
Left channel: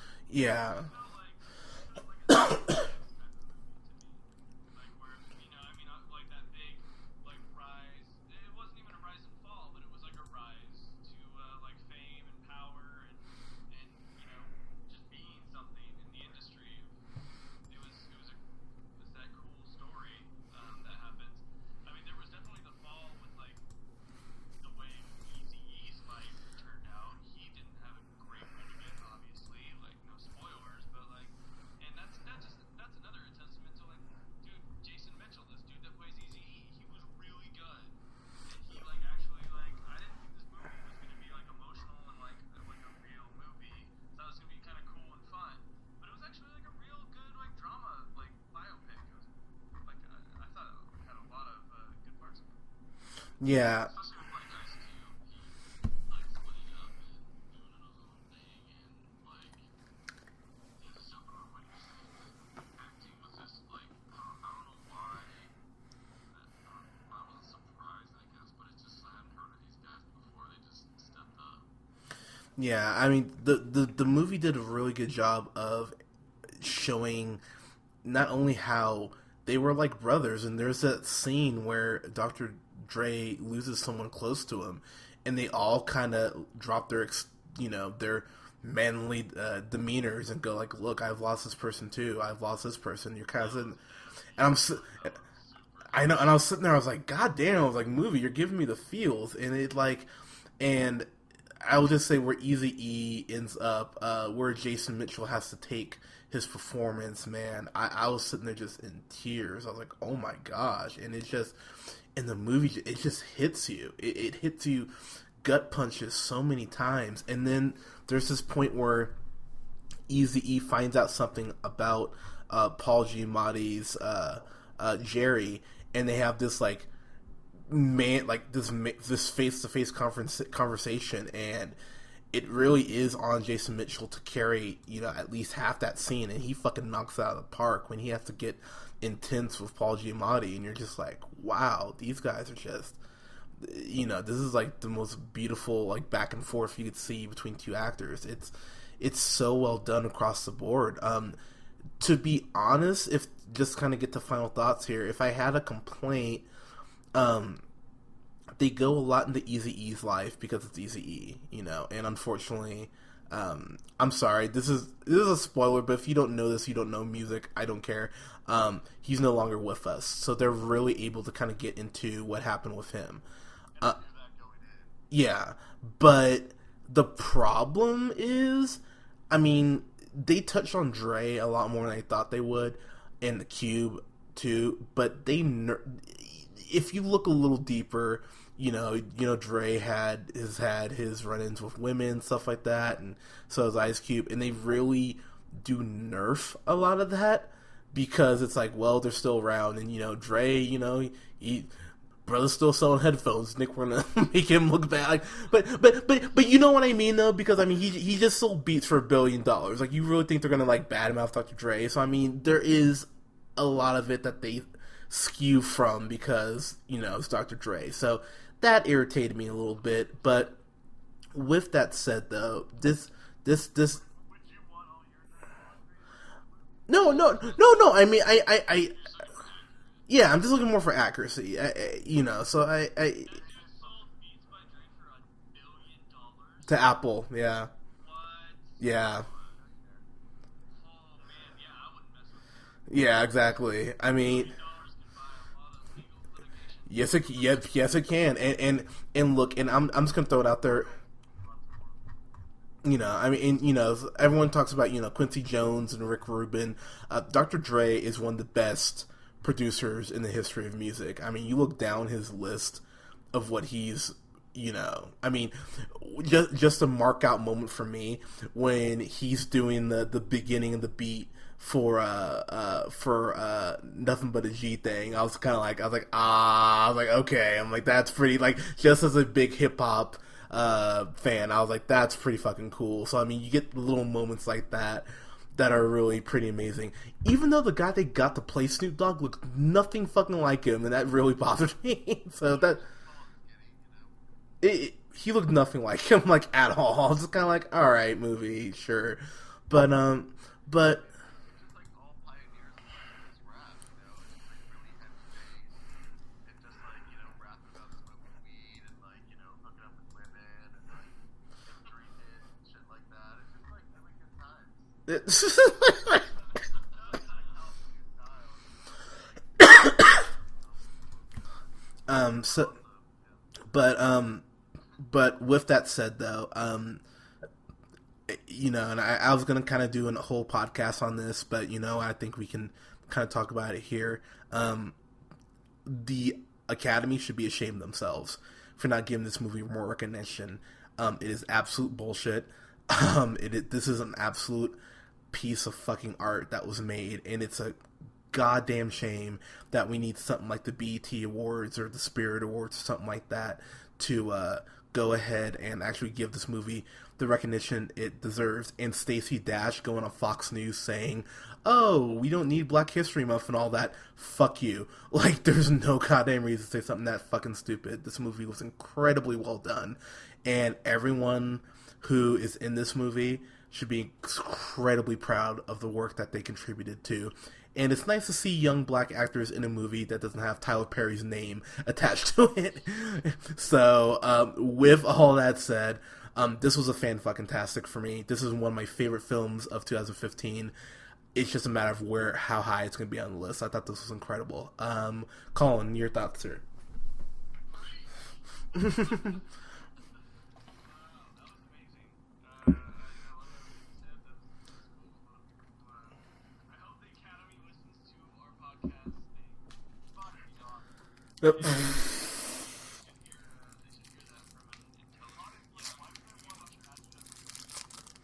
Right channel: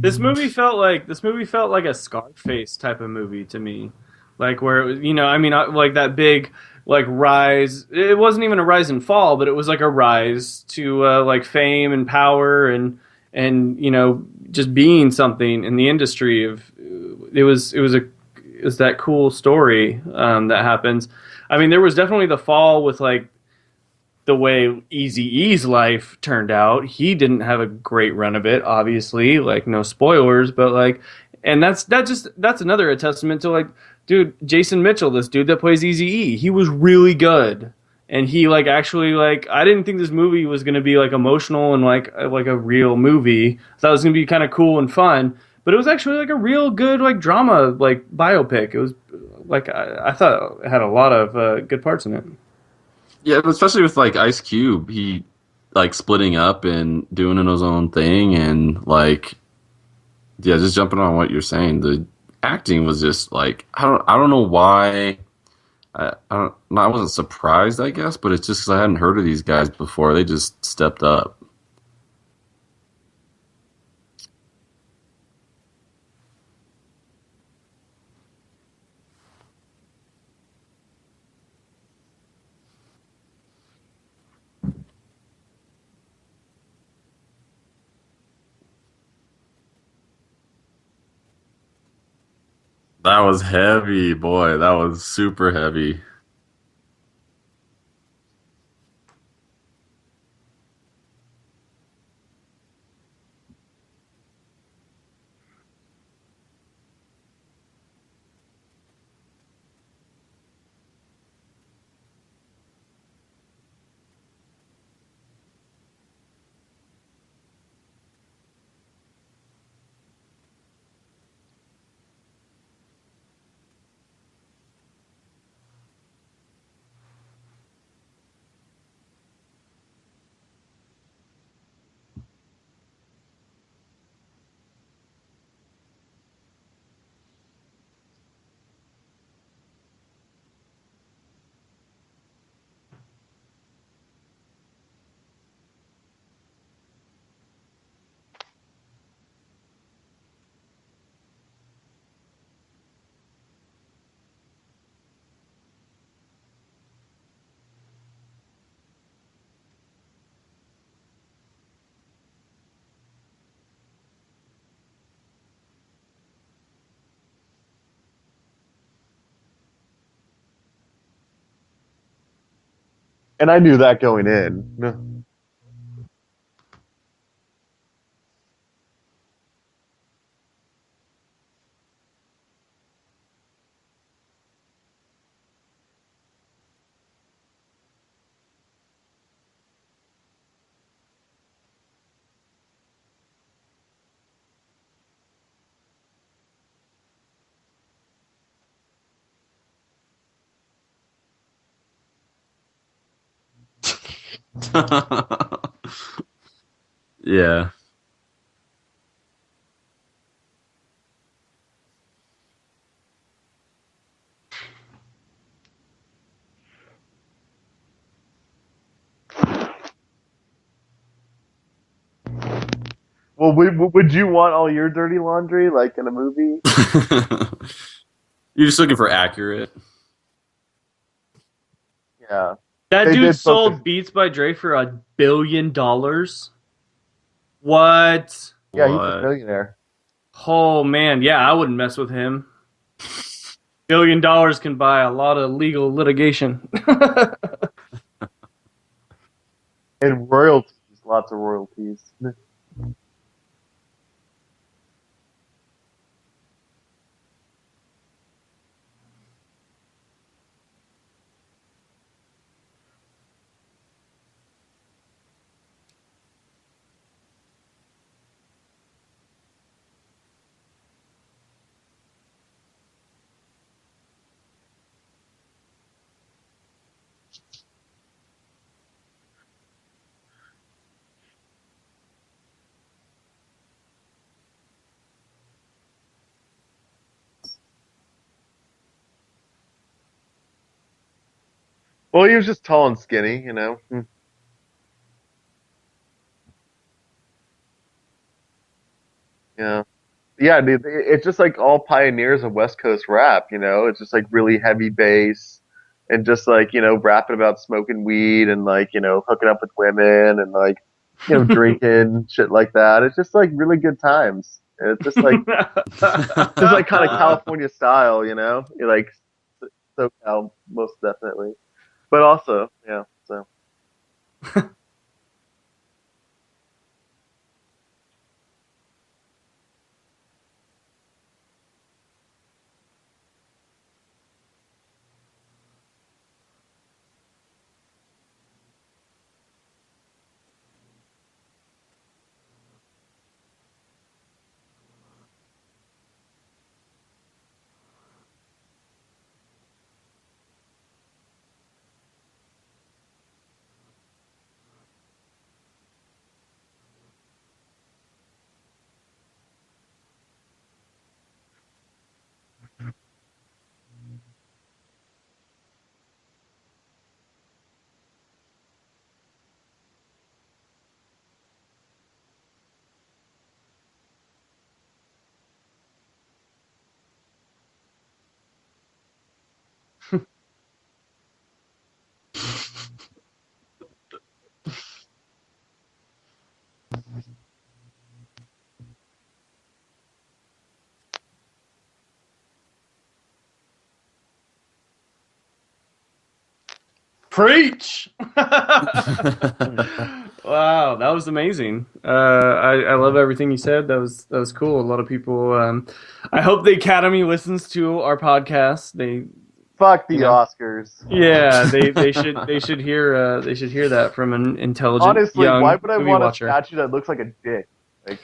This movie felt like a Scarface type of movie to me, like where it was, you know, I mean, like that big like rise. It wasn't even a rise and fall, but it was like a rise to like fame and power and just being something in the industry. Of it was that cool story that happens. I mean, there was definitely the fall with like the way Eazy-E's life turned out. He didn't have a great run of it, obviously. Like no spoilers, but like, and that's another testament to like, dude, Jason Mitchell, this dude that plays Eazy-E, he was really good, and he like actually like I didn't think this movie was gonna be like emotional and like a real movie. I thought it was gonna be kind of cool and fun, but it was actually like a real good like drama like biopic. It was like I thought it had a lot of good parts in it. Yeah, especially with like Ice Cube, he like splitting up and doing his own thing, and like, yeah, just jumping on what you're saying. The acting was just like I don't know why. I wasn't surprised, I guess, but it's just 'cause I hadn't heard of these guys before. They just stepped up. Yeah, I mean the movie did a really good job of showing not only how they were like brothers, and there's that scene where Dr. Dre loses someone close to him, and they all kind of drop their manly demeanors and go like, "Look, I've lost this person too. I've lost this person." That was heavy, boy. That was super heavy. I know, and I was sitting there, I was like, "God damn!" I was like, "Movie, you're giving me the feels," and it like, and I will just say where Eazy-E ends up, where Jason Mitchell has to take his performance, man. I was sitting there just in tears. I was like, "Oh my gosh!" And it's just. In the movie, it just hits you. It hits you gut punches so many times. And then there's this point where Eazy-E finds out something about Paul Giamatti's Jerry, and they have this like this face-to-face conversation, and it really is on Jason Mitchell to carry at least half that scene, and he fucking knocks it out of the park when he has to get intense with Paul Giamatti, and you're just like, wow, these guys are just, this is like the most beautiful like back and forth you could see between two actors. It's so well done across the board. To be honest, if just kind of get to final thoughts here, if I had a complaint, they go a lot into Eazy-E's life because it's Eazy-E, and unfortunately, I'm sorry, this is a spoiler, but if you don't know this, you don't know music, I don't care. He's no longer with us, so they're really able to kind of get into what happened with him. And I knew that going in. Yeah, but the problem is, I mean, they touched on Dre a lot more than I thought they would, and the Cube too. But if you look a little deeper, Dre has had his run-ins with women, stuff like that, and so has Ice Cube, and they really do nerf a lot of that. Because it's like, well, they're still around, and Dre, he brother's still selling headphones. Nick, we're gonna make him look bad. But you know what I mean, though. Yeah. Because I mean, he just sold beats for $1 billion. Like, you really think they're gonna like badmouth Dr. Dre? So I mean, there is a lot of it that they skew from because it's Dr. Dre. So that irritated me a little bit. But with that said, though, would you want all your dirty laundry like in a movie? No. I mean, You're just looking for accurate. Yeah, I'm just looking more for accuracy. So that dude sold Beats by Dre for $1 billion to Apple. Yeah. What? Yeah, he's a millionaire. Oh man, yeah, I wouldn't mess with him. Yeah, exactly. $1 billion can buy a lot of legal litigation. yes, it can. And look, and I'm just gonna throw out there lots of royalties. I mean, everyone talks about, Quincy Jones and Rick Rubin. Dr. Dre is one of the best producers in the history of music. I mean, you look down his list of what he's, I mean, just a mark out moment for me when he's doing the beginning of the beat for Nothing But a G Thing. I was like, okay. I'm like, that's pretty, like, just as a big hip hop fan, I was like, that's pretty fucking cool. So I mean, you get little moments like that are really pretty amazing. Even though the guy they got to play Snoop Dogg looked nothing fucking like him, and that really bothered me. Well, he was just tall and skinny, He looked nothing like him, like, at all. I was just kind of like, all right, movie, sure. Yeah. But yeah, dude, it's just like all pioneers of West Coast rap. It's just like really heavy bass, and just like, you know, rapping about smoking weed and like, you know, hooking up with women and like, you know, drinking shit like that. It's just like really good times. And it's just like kind of California style, you know, you're like most definitely. But also, yeah. So, but with that said, though, you know, and I was gonna kind of do a whole podcast on this, but you know, I think we can kind of talk about it here. The Academy should be ashamed of themselves for not giving this movie more recognition. It is absolute bullshit. This is an absolute piece of fucking art that was made, and it's a goddamn shame that we need something like the BET Awards or the Spirit Awards or something like that to go ahead and actually give this movie the recognition it deserves. And Stacey Dash going on Fox News saying, "Oh, we don't need Black History Month and all that." Fuck you. Like, there's no goddamn reason to say something that fucking stupid. This movie was incredibly well done, and everyone who is in this movie should be incredibly proud of the work that they contributed to. And it's nice to see young black actors in a movie that doesn't have Tyler Perry's name attached to it. So, with all that said, this was a fan-fucking-tastic for me. This is one of my favorite films of 2015. It's just a matter of how high it's going to be on the list. I thought this was incredible. Colin, your thoughts, sir? Preach! Wow, that was amazing. I love everything you said. That was cool. A lot of people. I hope the Academy listens to our podcast. Fuck the Oscars. Yeah, they should hear that from an intelligent Honestly, young why would I want watcher. a statue that looks like a dick? Like,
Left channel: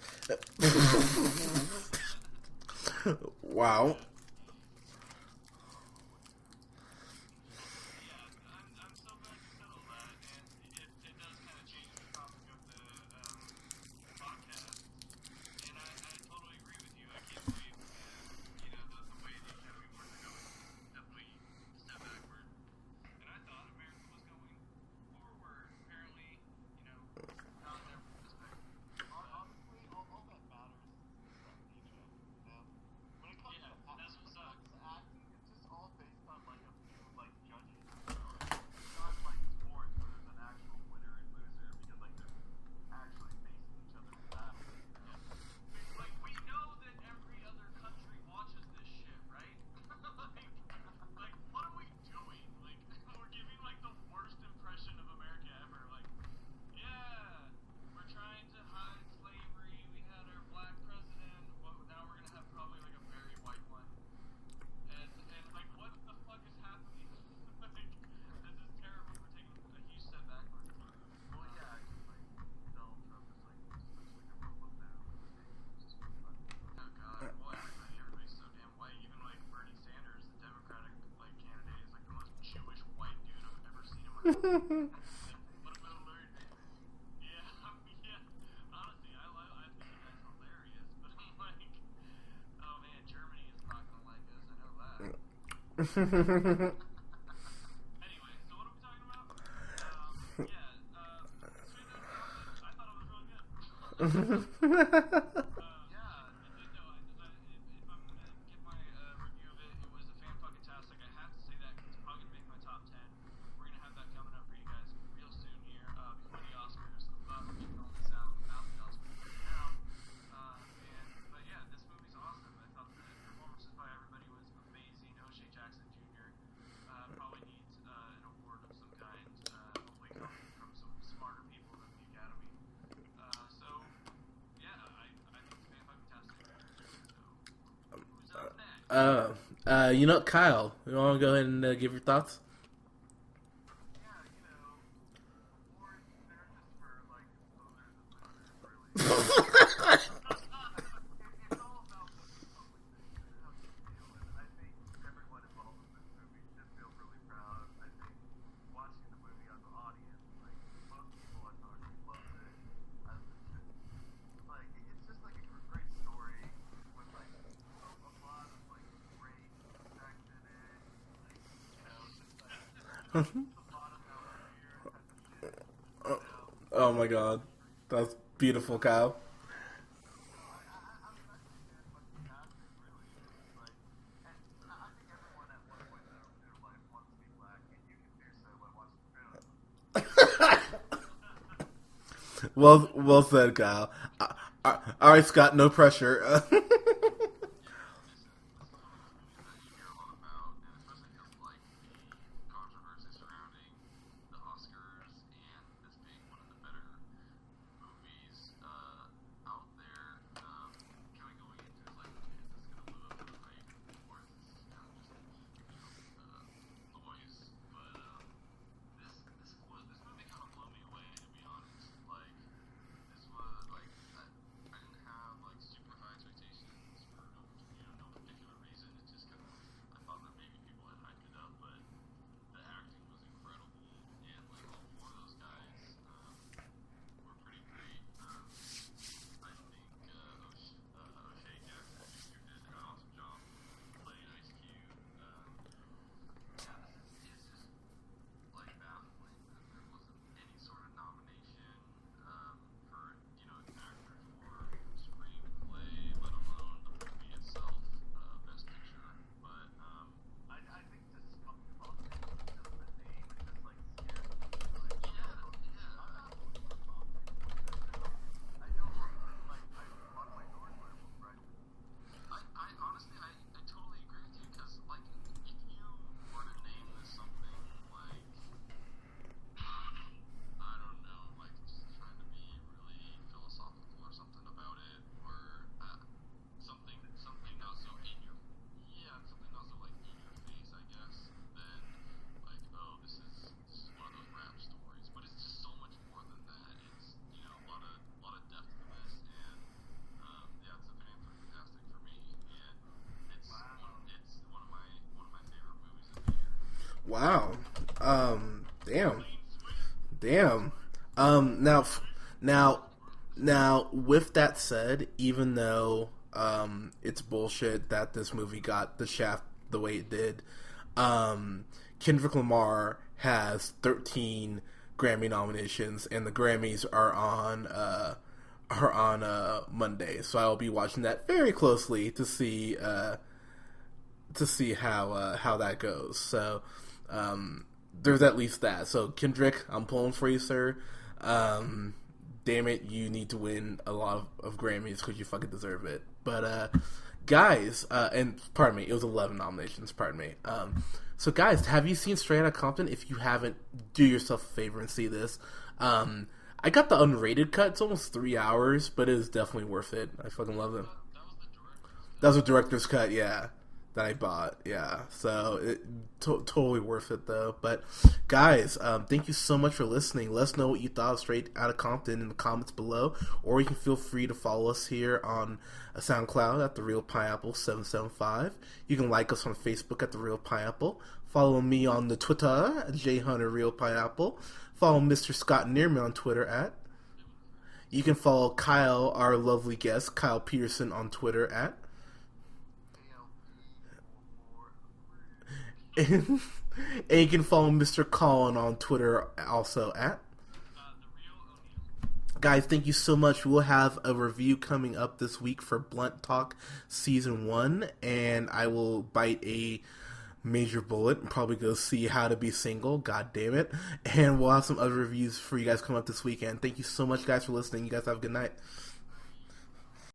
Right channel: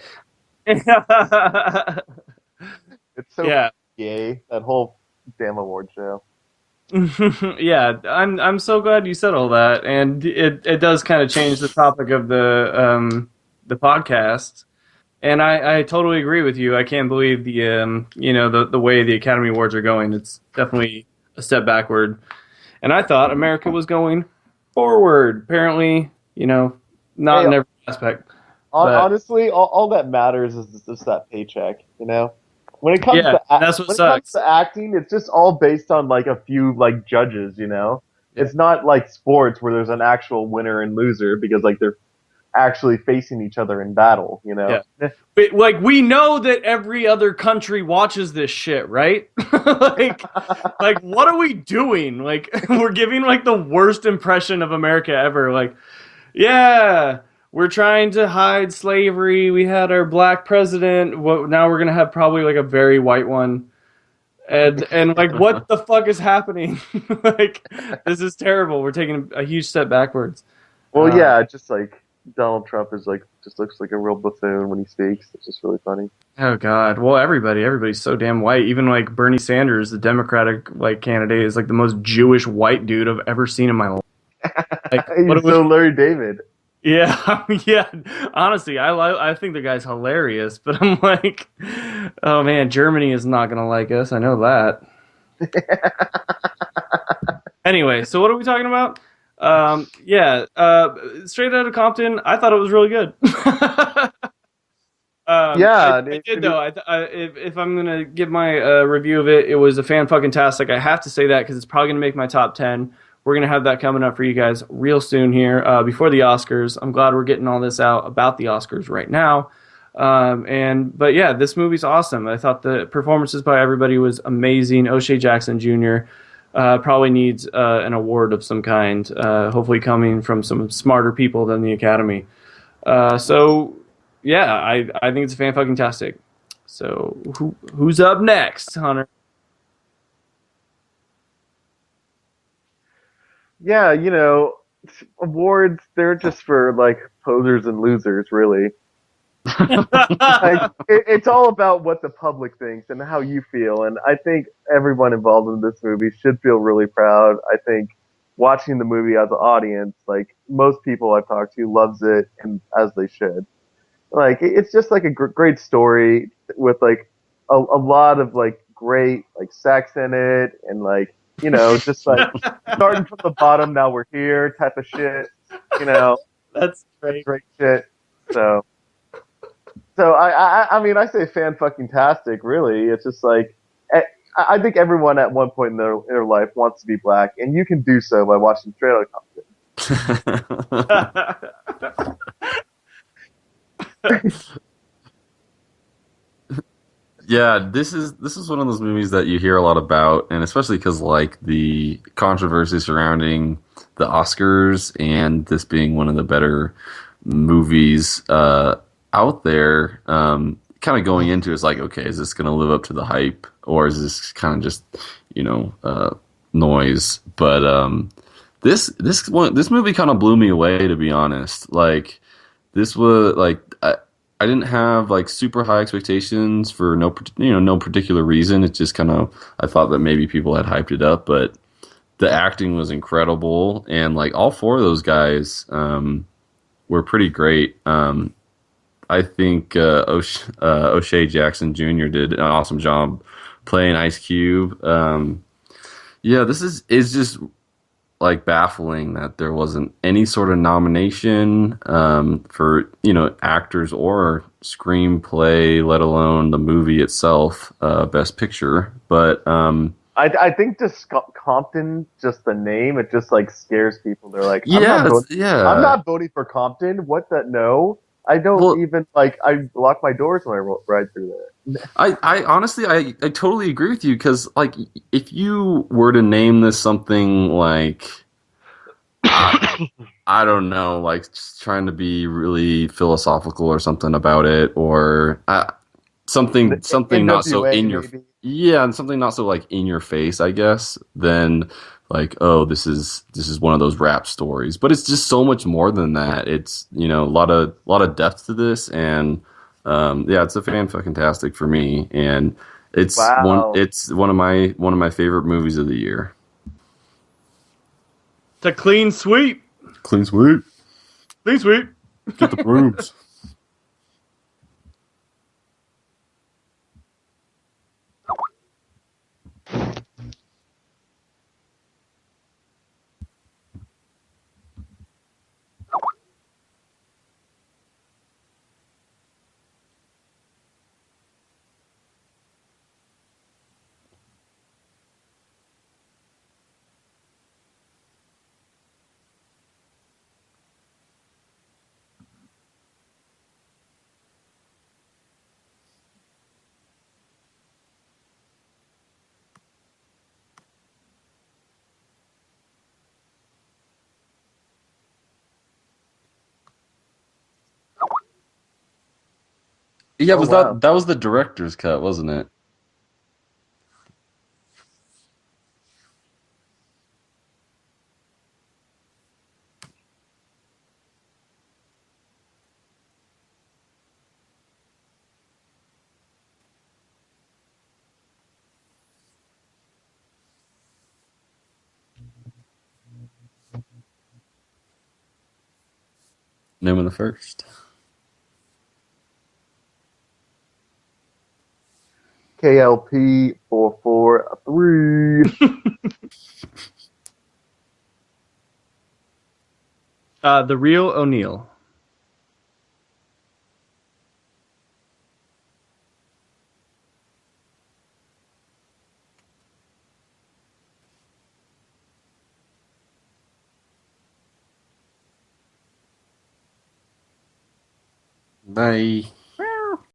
it's so gay, that whole damn award show. Yeah, I'm so glad you said all that, and it does kind of change the topic of the podcast. And I totally agree with you. I can't believe the way the Academy Awards are going. It's definitely a step backward. And I thought America was going forward. Apparently, not in every aspect. Honestly, all that matters is just that paycheck, you know? When it comes to acting, it's just all based on like a few like judges, you know? It's not like sports where there's an actual winner and loser because like they're actually facing each other in battle, you know? Yeah. But, like, we know that every other country watches this shit, right? like what are we doing? Like, we're giving like the worst impression of America ever. Like, yeah, we're trying to hide slavery. We had our black president. Now we're gonna have probably like a very white one. And like, what the fuck is happening? Like, this is terrible. We're taking a huge step backwards. Well, yeah, just like Donald Trump is like just looks like a real buffoon when he speaks. It's just really funny. Oh God! Well, everybody's so damn white. Even like Bernie Sanders, the Democratic like candidate, is like the most Jewish white dude I've ever seen in my life. Like, He's so Larry David. Yeah, yeah. Honestly, I think the guy's hilarious, but I'm like, oh man, Germany is not gonna like us. I know that. Anyway, so what are we talking about? Straight Outta Compton. I thought it was really good. Yeah, I did though. If I'm gonna give my review of it, it was a fan-fucking-tastic. I have to say that because it's probably gonna make my top 10. We're gonna have that coming up for you guys real soon here before the Oscars. I'm glad we're getting all this out about the Oscars right now. But yeah, this movie's awesome. I thought the performances by everybody was amazing. O'Shea Jackson Jr. Probably needs an award of some kind, hopefully coming from some smarter people than the Academy. So yeah, I think it's fan-fucking-tastic. So who's up next, Hunter? Kyle, you want to go ahead and give your thoughts? Yeah, awards, they're just for like posers and losers, really. Like, it's all about what the public thinks and how you feel, and I think everyone involved in this movie should feel really proud. I think watching the movie as an audience, like most people I've talked to, loves it, and as they should. Like, it's just like a great story with like a lot of like great like sex in it, and like just like starting from the bottom, now we're here type of shit. That's great shit. That's beautiful, Kyle. So I mean, I say fan-fucking-tastic. Really, it's just like I think everyone at one point in their life wants to be black, and you can do so by watching Straight Outta Compton. Well said, Kyle. All right, Scott, no pressure. Yeah, this is one of those movies that you hear a lot about, and especially because like the controversy surrounding the Oscars and this being one of the better movies out there. Kind of going into it's like, okay, is this going to live up to the hype, or is this kind of just noise? But this movie kind of blew me away, to be honest. Like this was like. I didn't have like super high expectations for no particular reason. It's just kind of I thought that maybe people had hyped it up, but the acting was incredible, and like all four of those guys were pretty great. I think O'Shea Jackson Jr. did an awesome job playing Ice Cube. Yeah, this is just like baffling that there wasn't any sort of nomination for actors or screenplay, let alone the movie itself, Best Picture. But I think just Compton, just the name, it just like scares people. They're like, I'm not voting for Compton. What the no? I don't even like. I lock my doors when I ride through it. I honestly I totally agree with you, because like if you were to name this something like I don't know, like just trying to be really philosophical or something about it, or something not so in your and something not so like in your face, I guess, then like, oh, this is one of those rap stories. But it's just so much more than that. It's a lot of depth to this, and it's a fan-fucking-tastic for me, and it's one of my favorite movies of the year. Wow. It's a clean sweep. Clean sweep. Clean sweep. Now, with that said, even though it's bullshit that this movie got the shaft the way it did, Kendrick Lamar has 13 Grammy nominations, and the Grammys are on Monday. So I will be watching that very closely to see how that goes. So there's at least that. So Kendrick, I'm pulling for you, sir. Damn it, you need to win a lot of Grammys because you fucking deserve it. But guys, and pardon me, it was 11 nominations. Pardon me. So guys, have you seen Straight Outta Compton? If you haven't, do yourself a favor and see this. I got the unrated cut. It's almost 3 hours, but it is definitely worth it. Yeah, that was the director's cut, wasn't it? That was the director's cut, yeah, that I bought. Yeah, so totally worth it though. But guys, thank you so much for listening. Let us know what you thought of Straight Outta Compton in the comments below, or you can feel free to follow us here on SoundCloud at The Real Pineapple 775. You can like us on Facebook at The Real Pineapple. Follow me on the Twitter at JHunterRealPineapple. Follow Mr. Scott Neerman on Twitter at Newman the First. You can follow Kyle, our lovely guest, Kyle Petersen, on Twitter at KLP443. And you can follow Mr. Colin on Twitter also at The Real O'Neill. Guys, thank you so much. We'll have a review coming up this week for Blunt Talk Season 1, and I will bite a major bullet and probably go see How to Be Single, god damn it, and we'll have some other reviews for you guys coming up this weekend. Thank you so much, guys, for listening. You guys have a good night. Bye.